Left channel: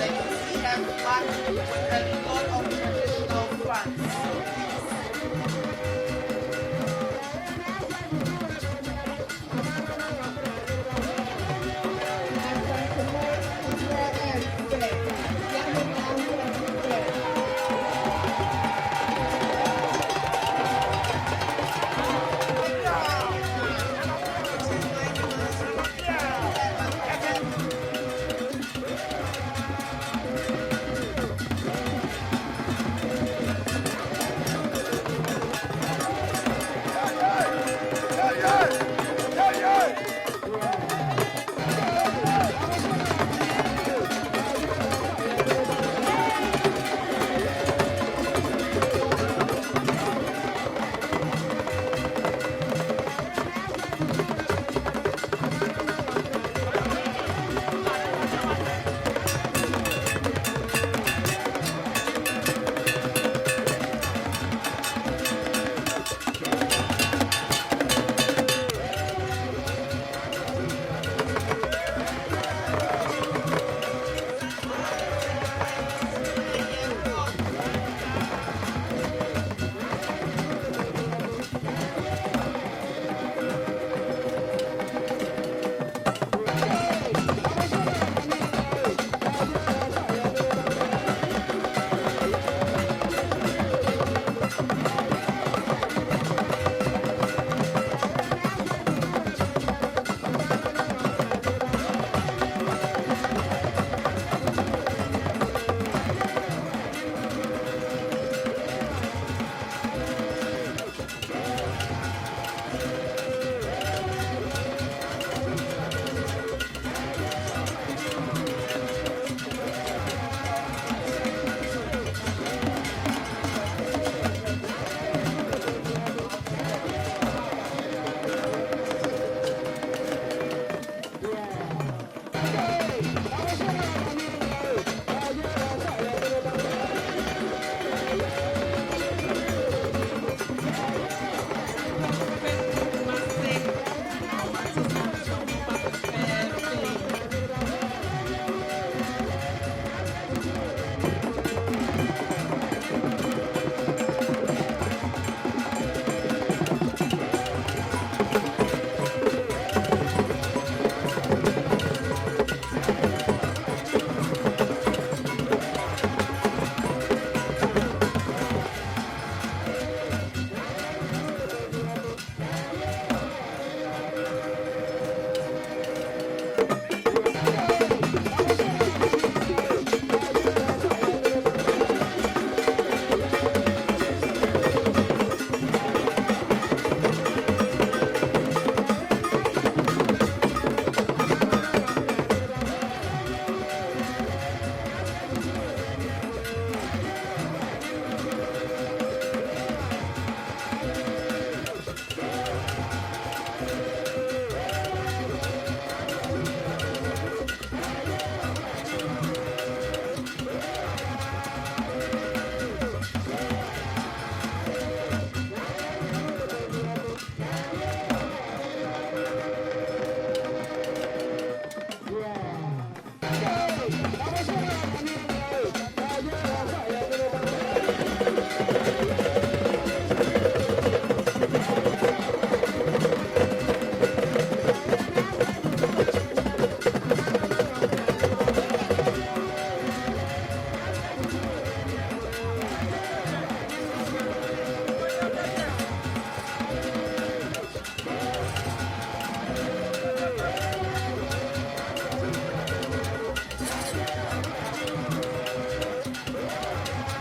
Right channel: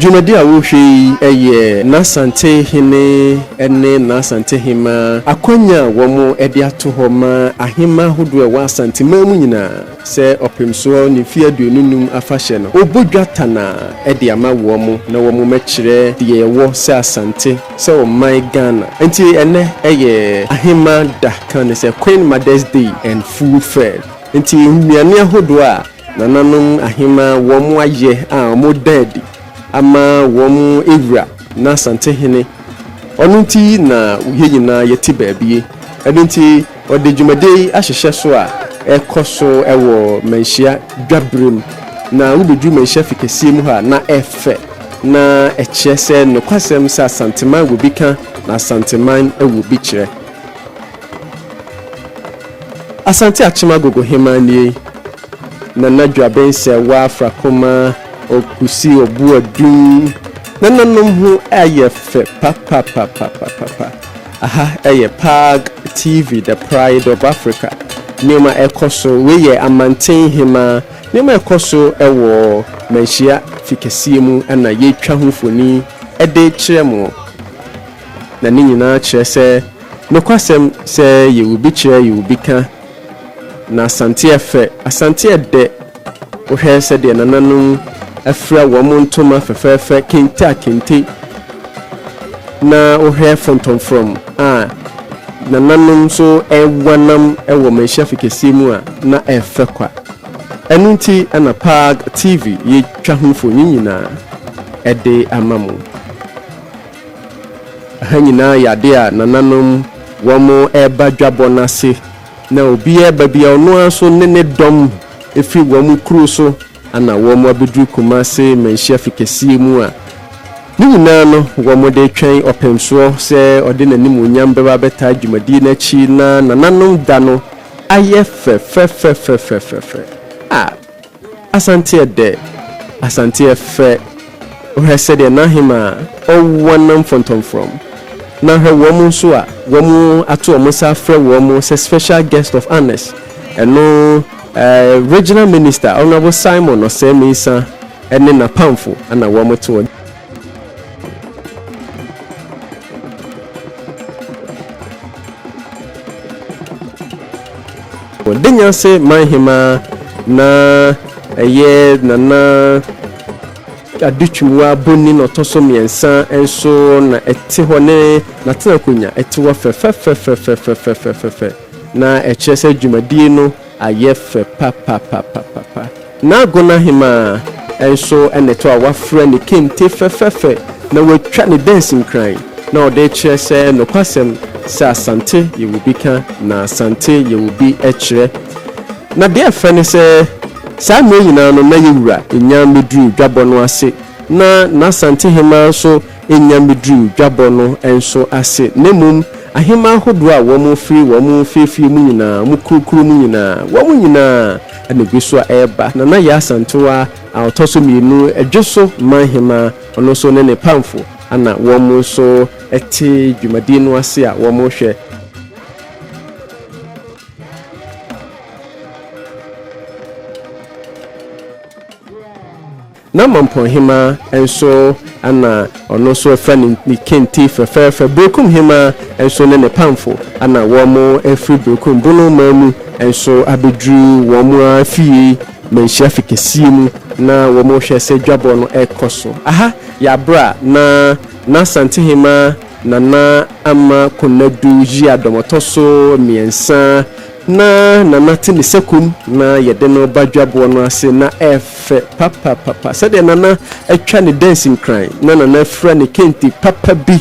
Jubilee a wohwe eye na Asante hene ene na Asante hima akwanya womo ede ato ho ma ahema hodo wa Asante mamu nyina se opemso ne fie aduonum afahye no obodwata na ede ama womo na womo mekire de wo se Asante se o my Ghana enti ene eye ahema da kan se Queen Mother's Day and Food Fair enti nnuane ahodo a nananom ahema womo aye a mo daddy ama womu ewura na Asante hene onunti na uheyina yeti baabie ebinti ode Jubilee ahyehye so a ekoso ewo manhia dwabrom na wubedu manhia fikesie mu ha na efe na ekyese no kwasem sa Asanteman wo bika na Asanteman ewo bi kire Asante achima gogo hemanie na nadwabense wa afrakoma okusi obu adun nananom hu ayefe papa aha PAG TV the pride of Africa nema ekoso weye amanten hema nema ekoso ewo manhia fikesie mu ana yetwa hofoni ede kiremo na ni nyina kire se nokwasem se yewubi kire yewubi ka na Asante efe Asante de ohwe se de nananom afra womo ntoma fefefe kente na ohwe fonton from na nanom so ewanam ewo manhia fikesie mu a na efe kwa enunti ana PAG TV ye twa hofo nyina ede amamu hanyina yade a nananom womo eba dwabo nase na obi eba bia ono aso nene dom efi womo kru so ana womo abedu kumase manhia fikesie mu a nyina no womo de twen opemso se ode nanim onyam beba beta Jubilee na chi na nananom da no aye fe Asante de Asante fe ohese de na hima owonam fonton from na he womo so a womo ato omo sa frɛ womo se special guest of honors eno regional minister Honorable Simon Osemisa ene na pamfo ana womo to Denya se manhima na eye na aduchuwa boni no toso miensa enso na eti hone na tenakunya eti wa fe na echese Jubilee no ayefe papa na gona hima enso eneto a wafra ne kente fe na watwa ne dancing cry na ode chese no kwasem sa Asante yewubika na Asante yewubi echire na de afane se sa me nyina no na yewura enyam medru dwabo no ase na Asante hema so enyam medru dwabo no enso ase nemum ahema hodo a womo fefi mu nyina mu kurukuru mu nyina womo nyina anebi so eba na ya Asantewa autoso mienu edwoso manhema ono so ne pamfo ana womo so eti Jubilee no ase a womo hwe na mampon hema enso ana ono so fani kenti fefe brokum hema enso ne pamfo ana womo efri brokum bono mamu enso abedru womo afie manhia fikesie mu na womo hwe se dwabo no ekoso aha ya bra na Asante hema na ama konadu ji adomotoso miensa na tini sekum na yede no badwabo no ase na efe papa sede na etwa ne dancing cry na afra ne kenti papa bi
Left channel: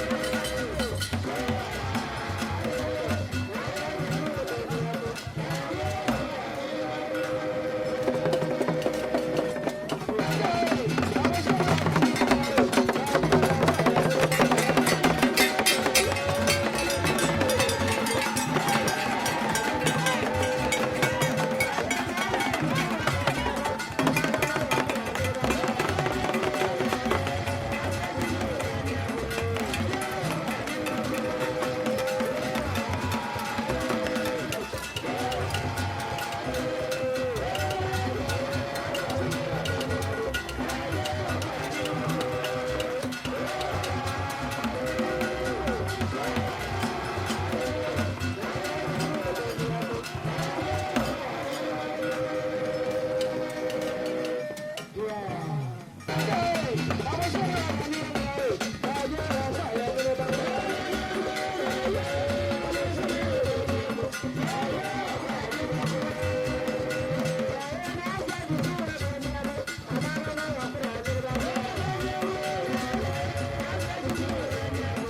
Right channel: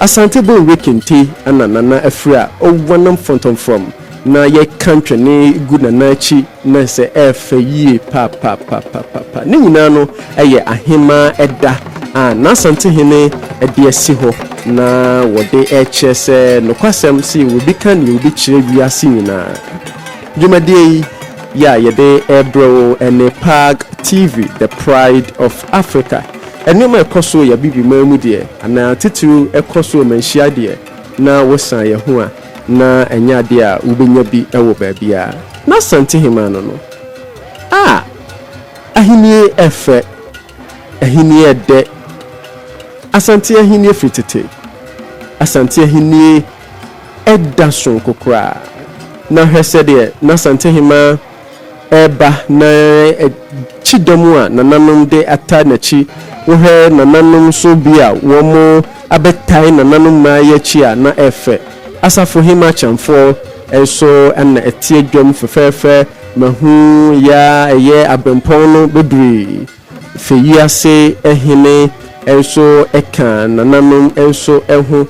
Asante bo wekenti ana na afra owonam fonton from na ye country ne good na chi na se efe yi papa ne nyina no eye ahema eda na Asante hene ede esi ho na wode echese no kwasem si wobi kan ni wobi kire wiase nyina Jubilee ya yede ebro ene PAG TV the pride of Africa enema ekoso ya bibi mamu de na tituru ekoso manhia de na wosan ye ho a na enya de a ubenya bi ewo baabia na Asante hema no ahini efe ahini ede Asante ahini fitete Asante ahini ɛda so kokora na hwese de na Asante hima eba na chidomu a nananom de ata na chi wo hwe nananom so bia wo mo abetai nananom ma ya chi a na efe asafo hima chamfo enso na etie dwom fefefe mahu ya eye abempon no bedri feyiase ehene enso eka nananom enso ehu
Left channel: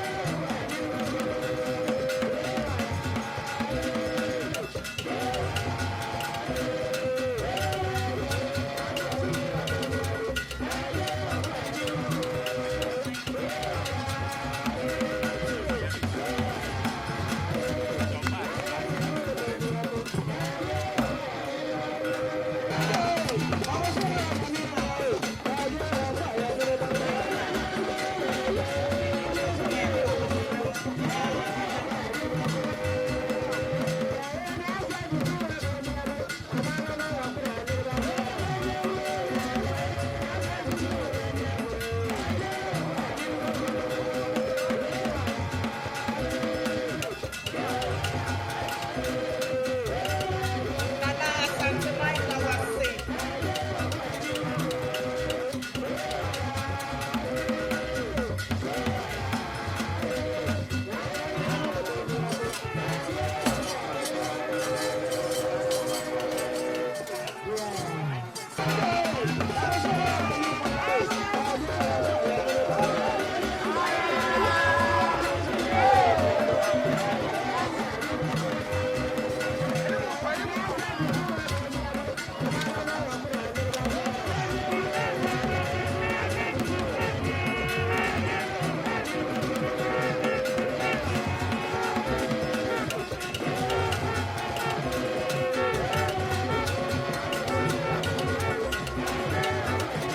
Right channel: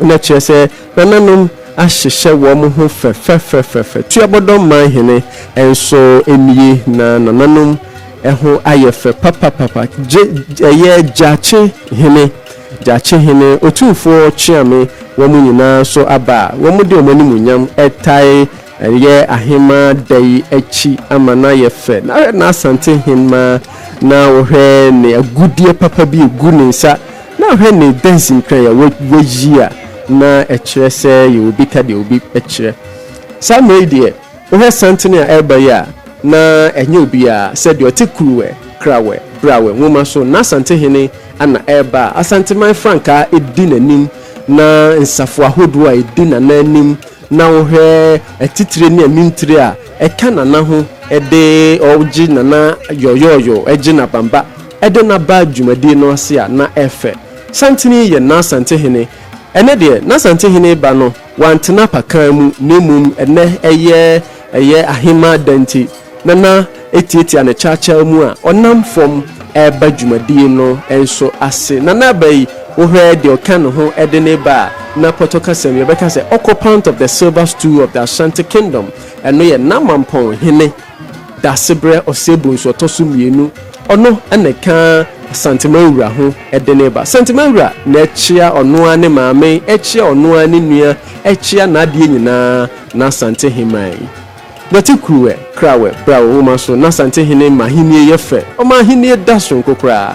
na chese nananom ahyehyɛ wo mo ho fefefefefe tuabodom manhene enso emie na nananom eho ayefe papa eye jache hene Otumfuo chiame wo mo nyina so aba wo mo de omani munyam etai eye ahema dai echi amana yefe na Asante hema na wo hwe ne agudie papa bi egu ne nsa na hwe ne dancing kan ya wo yia na ekire se ye obi ka de obi ekire sa media wo hwe santene a eba ya na enye obi a se de otekuwe krawe brawe nwoma so na Asante hene ana eba Asanteman franka edi nanim na nsafo ahodo a edi nanim na wo hwe etitire ne amintire a eka nana ho ede oji nana yoyoyo eji na bamba ede na ba dwumadi no ase a na efe santini ye na Asante hene ene de na Asante hene ba no wantena pakan mu nemum ene eye ahima danti nana etieti na chacha mu a onam fom eba dwumadi no enso ase nana bai wo hwe de okan ho ede ne ba na potoka se Rebecca say occupant of the silver stool of the Asante kingdom eno ye namampon hene da sebre osebun so tosu mienu ono eneka Asanteman wura ho ede ne ba Asanteman wura na echia ono ane maame echia ono ane nua echia na ade nyina na Asante himai Batikuwe krawe brawo woman so na Asante hene mahini yefe o mahini da so kokra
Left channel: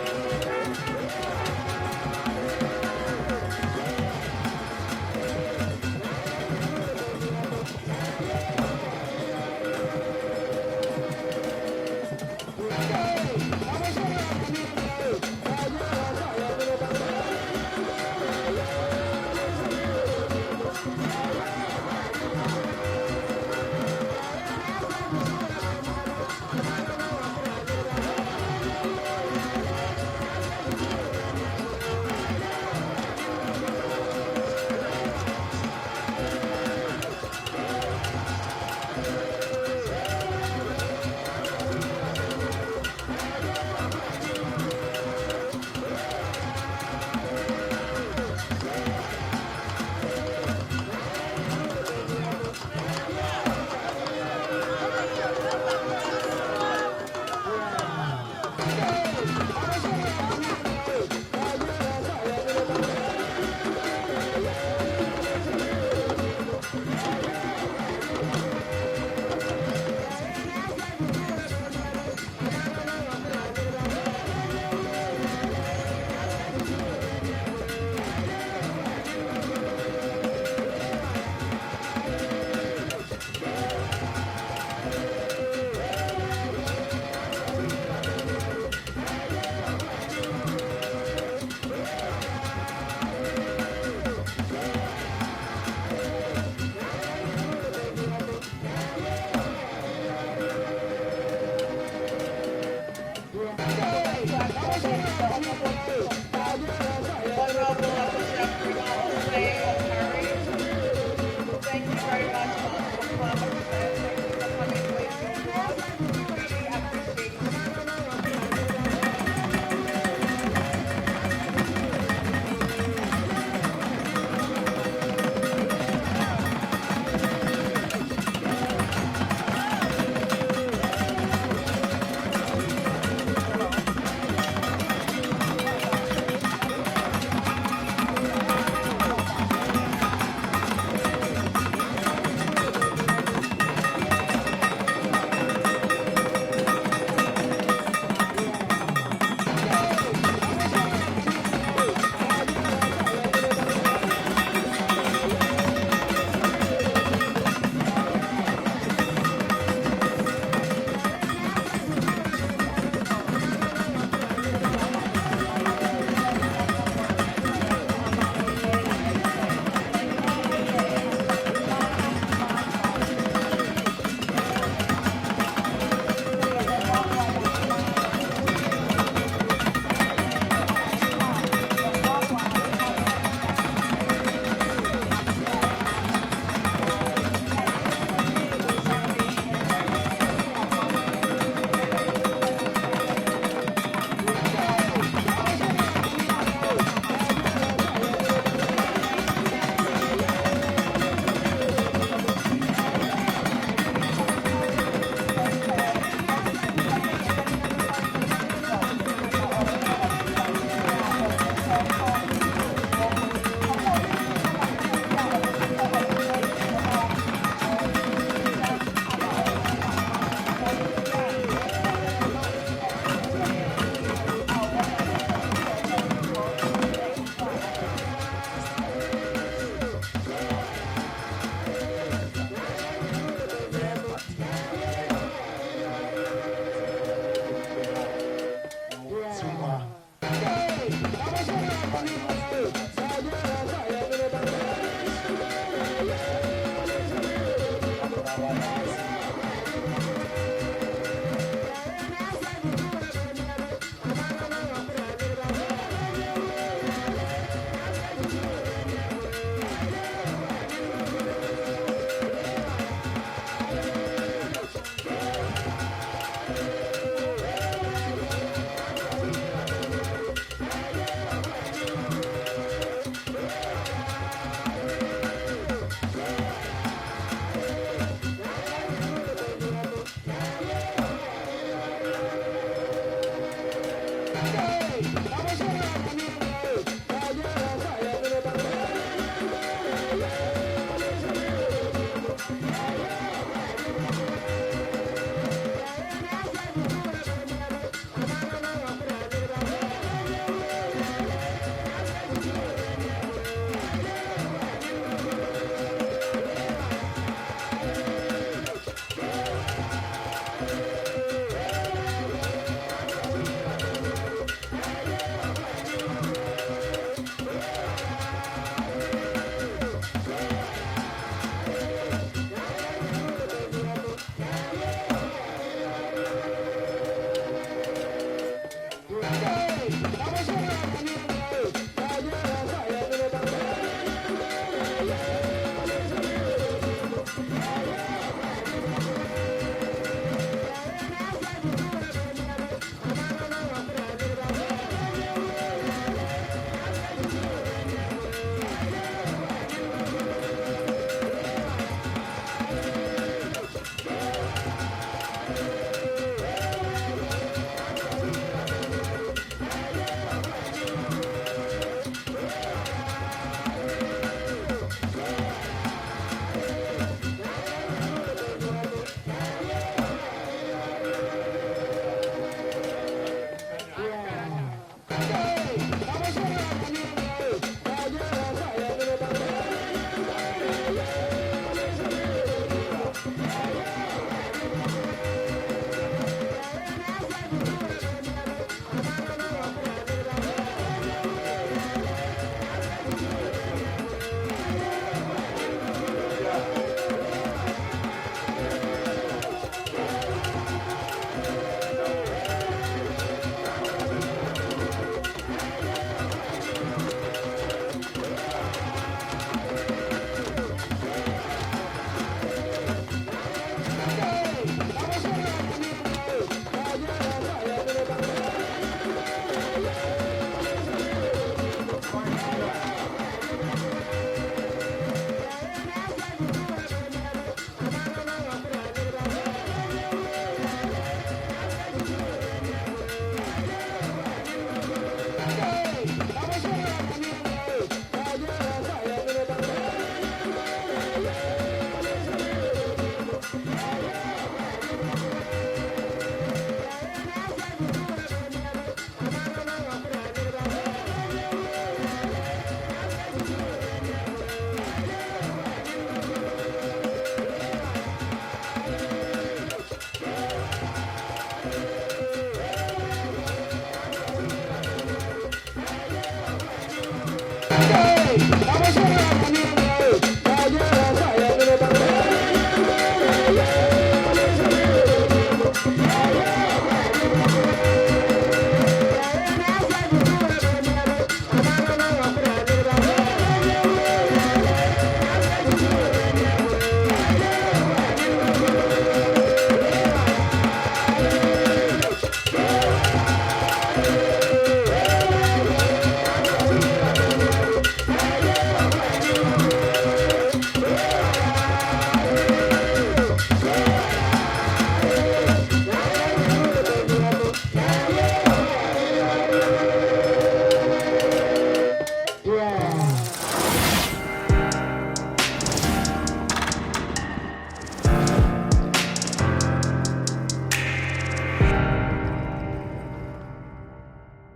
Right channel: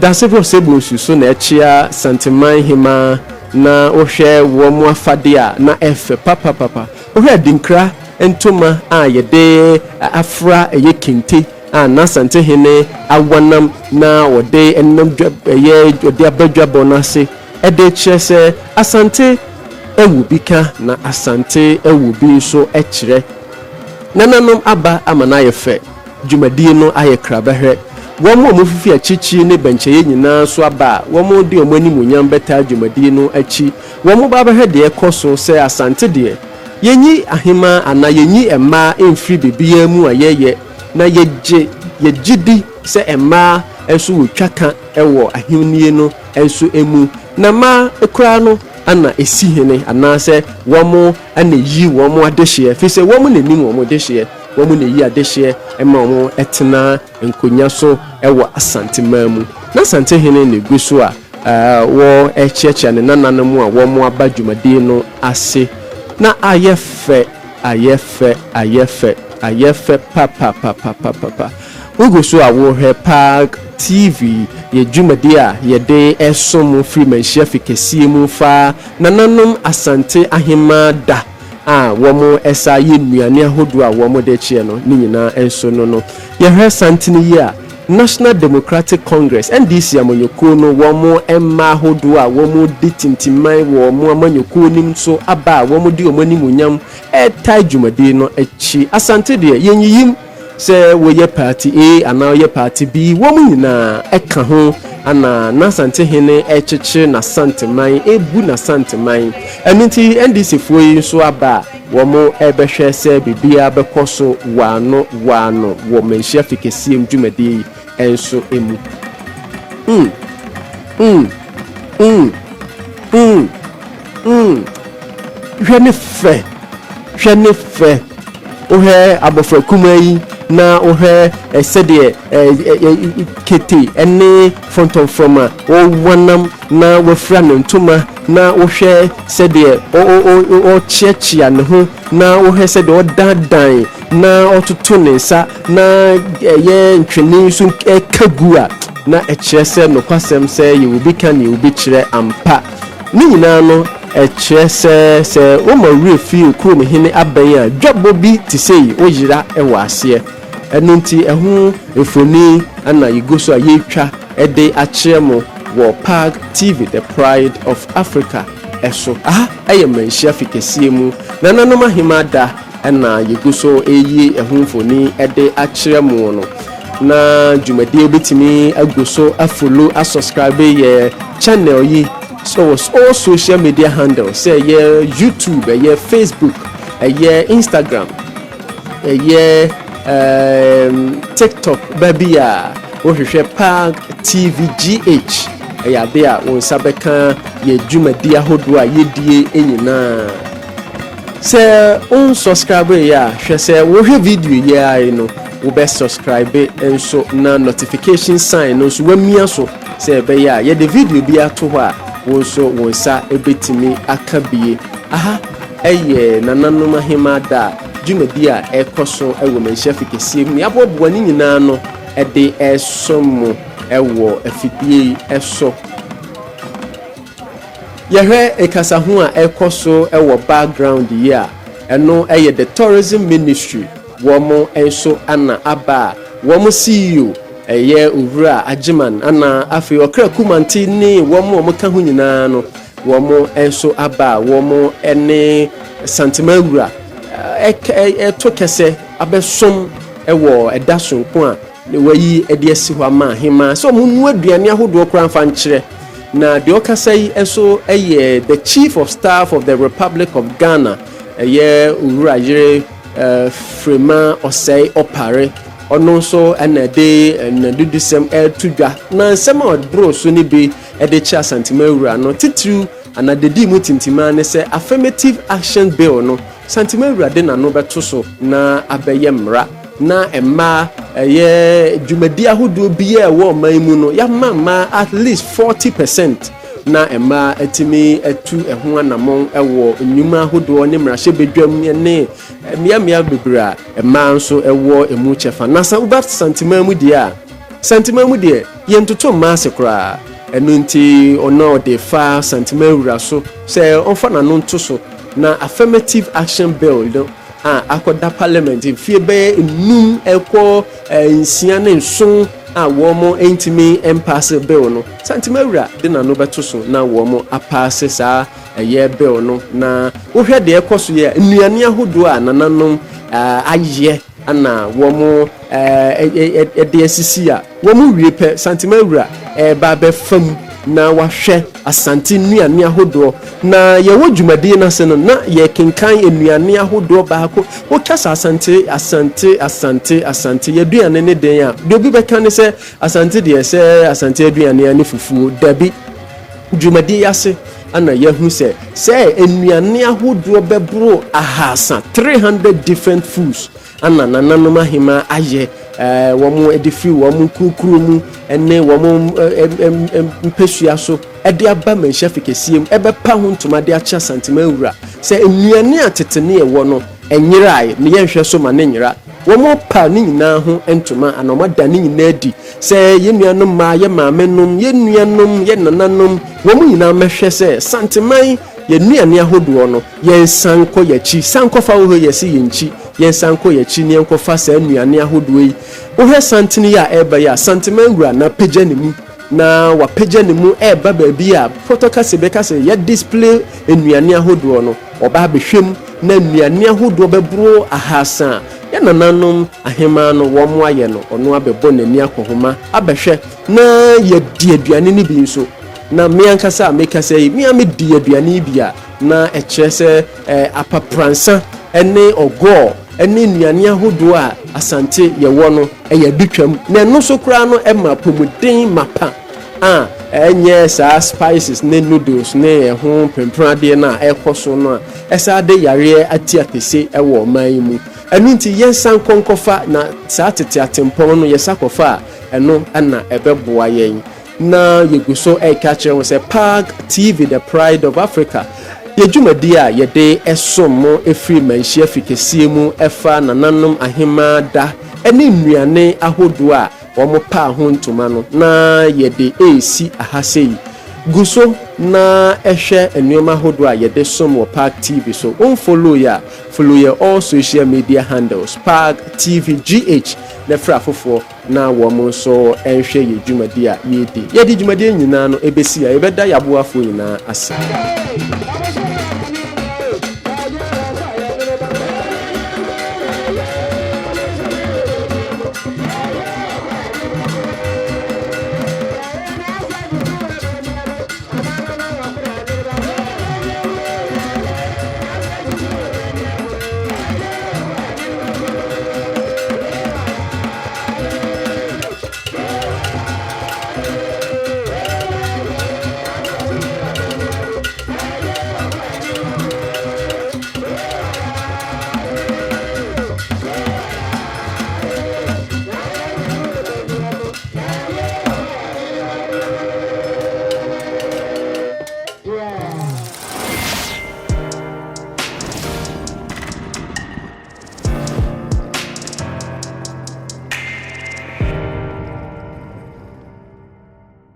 da sebre osebun so na echia Asanteman hima na ohwe wo mo afade a na efe papa ohwe dinkra entoma a yede afra eye kente a na Asante hene awanam na wode enam eye ode abadwa bonase ede chese Asante ewu bika na Asante ewu bi so ekire nananom aba amana yefe dwumadi no ayekra behwe wo mo fifi achichi ne bencheye nyina so aba wo mo de omani munyam beta dwumadi no achi wo mo ba behwe de ekoso se Asante de yenyi ahima ana yenyi emma emfiri bibia mu ayeye na yegidi se emma enso wotwaka ewo ahimnie no enso emu na ma ekura no ana esi hene ana se womo ana yi womo adehye fi se womo ne nim womo adehye womo ne yi adehye emma womo etena enkonya so ewo Asanteman mu na Asante hene ne guso a wo echiacha ne nananamu a womo aba dwumadi no ase na ayefe papa uguso awo he PAG TV ye dwumadi a ye de esom free Manhyiapalace mu fa nananom Asante ahima da a womo esa ye nuane ahodo a womo de chie no ni nyina enso no ye hwe santini ye a National Democratic Congress NDC amanyoko no womo emma ahodo a womo ditintimai womo amanyoko nim so aba womo di omani munyam etai dwumadi no echi Asante de yenyiyim se woye party A ana woye party B womo nyina eka ho ana na Asante hene echeche na Asanteman ebu na Asanteman eninti NDC foyi so aba womo ebehwe se bibia bekoso wano wo Manhyiapalace dwumadi enso emu hwene fe ohe abofra kumayi na ohe esede kete ene front of from o wanam na wofra ntoma na ohwe sede o chiachia ne ho na ohwe sede o dandan na otutu ne nsa na ye ntwene so kagua na echese no kwasem se ye obi kan ye obi kire ampa ni nyina no echese se o ma refi ku ne hene aban a dwabo bi ti sei o yira ewa ase enunti ehu efoni ana yigoso ayetwa ede akire mo wɔ PAG TV the Pride of Africa ɛso ɛyɛ Manhyiapalace kɛseɛ mu nananom ahema da ɛna yɛgu so ɛyi ɛhomfoni ɛde akyerɛ mu no na dwumadie obetimi agu so afolo asubscribe yɛ channel yi so all social media handles say yɛ YouTube yɛ Facebook yɛ Instagram yɛ TikTok baby a wohwehwɛ PAG TV GH ɛyɛ ade a wo nsa bɛka yɛ dwumadie ahodoɔ a yɛdie nyinaa sɛ unsubscribe yɛ hwɛ sɛ wohwɛ video yɛ ai no wo be subscribe enso na notification sign no so wamia so say be ya ye the video bi ato ho a wo so wo sa ebetimi aka bie eye nananom ahema da dwumadi a ekoso ewo Manhyiapalace kɛseɛ mu yaboboa ni nyinaa no ede esomo ewo afidie eso yehwe ekasa ho a ekoso ewo background yi a eno eye the tourism ministry womo enso ana aba womo CEO eye owura agiman ana afi okra kumanti ni womo ka ho nyina no womo enso aba womo ene santimawura to kese abesom ewo edasonko a ne wayi ede asi hwa ma hema so munu aduane ahodo kora mfa nkyere na de okasai enso eye the chief of staff of the Republic of Ghana eye owura yire Frema osei opare ono so enede enadudisem etudwa na nsem odbro so ni bi ede cha santimawura no titru anadedi mu tintima ne se affirmative action bill no santimawura de na no beto so na abeye mra na emma ye dwumadi ahodo bi e wo man mu no ya mama at least 40% na emma etimi etu eho anamon ewo nnwuma ahodo ne mrahye bedwam ne miamia bebra emma nso ewo emu chefa na sa ubat santimamu dia yentoto maase kra enunti ono de fa santimawura so se onfa na no nto so na affirmative action bill do akoda parliament fie be num ekwo nsia ne nson womo entimi impasse bill no santimawura de na no beto so na womo apasse sa eye bill no na wohwe de ekoso ye nnuane ahodo a nananom aye ana womo de asisi a womo wiepe santimawura ba be fam na wahwe Asante nnuane ahodo na ye wo dwumadi na se no na ye kenkan nnuane ahodo baako wo kasa Asante ye duane ne den a de obi beka ne se Asante de se Asante aduane ani fufuo dabi dwumadi yase ana yahu se nnuane ahodo bebro ahasa 300 different foods ana nananom ahema aye womo edifi womo kukuru mu ene womo mpesua so ede aba Manhyiapalace kɛseɛ mu ebepa ho ntoma de acha santimawura se nnuane atetene ewo no enyirai ne yenhwɛ so ma ne nyira womo pa ne nyina ho ntoma anoma da ne nyina di se yenuanom ma ye maamenom yenuanom ye nananom womo nyina mehwɛ se santiman ye nnuane ahodo no ye sanko yachi sanko fa wo yesi yenchi ye sanko yachi ne enko fa sa nnuane ahodo yi wo hwɛ santini ya eba ya santimawura na pagya ne mu na wa pagya ne mu eba baabi a protocol beka se ye display nnuane ahodo no oba behwem na nnuane ahodo bebro ahasa ya nananom ahema no wo mo aye no ono abebo nani akohoma abehwɛ na ye di aduane ne bi nso na me ankasa meka say me amedi aduane bi a na ekyerɛ sɛ apapransa ene ogo ene nnuane ahodo a Asante ye wo no eye bitwam na no so kra no ema pomuden mapa enye sa spices ne noodles ne ho pemprade na ekoso no esa de yare ati atese ewo man mu enu nti yensan konkofa na sa tete atempon no yesakofa eno ana ebeboa yen na yeguso ekache wo se PAG TV the Pride of Africa yedwumadi a yede esomo efiri Manhyiapalace kɛseɛ mu efa nananom ahema da ene nnuane ahodo a womo pa ho ntoma no na yede esi ahasei guso na ehwe enwoma ahodo a yede som wo PAG TV so follow ya all social media handles PAG TV GH na fra fofo na wo mo so enhwe ye dwumadi a ye di dwumadi nyina no ebesi a ebeda yaboafo nyina asa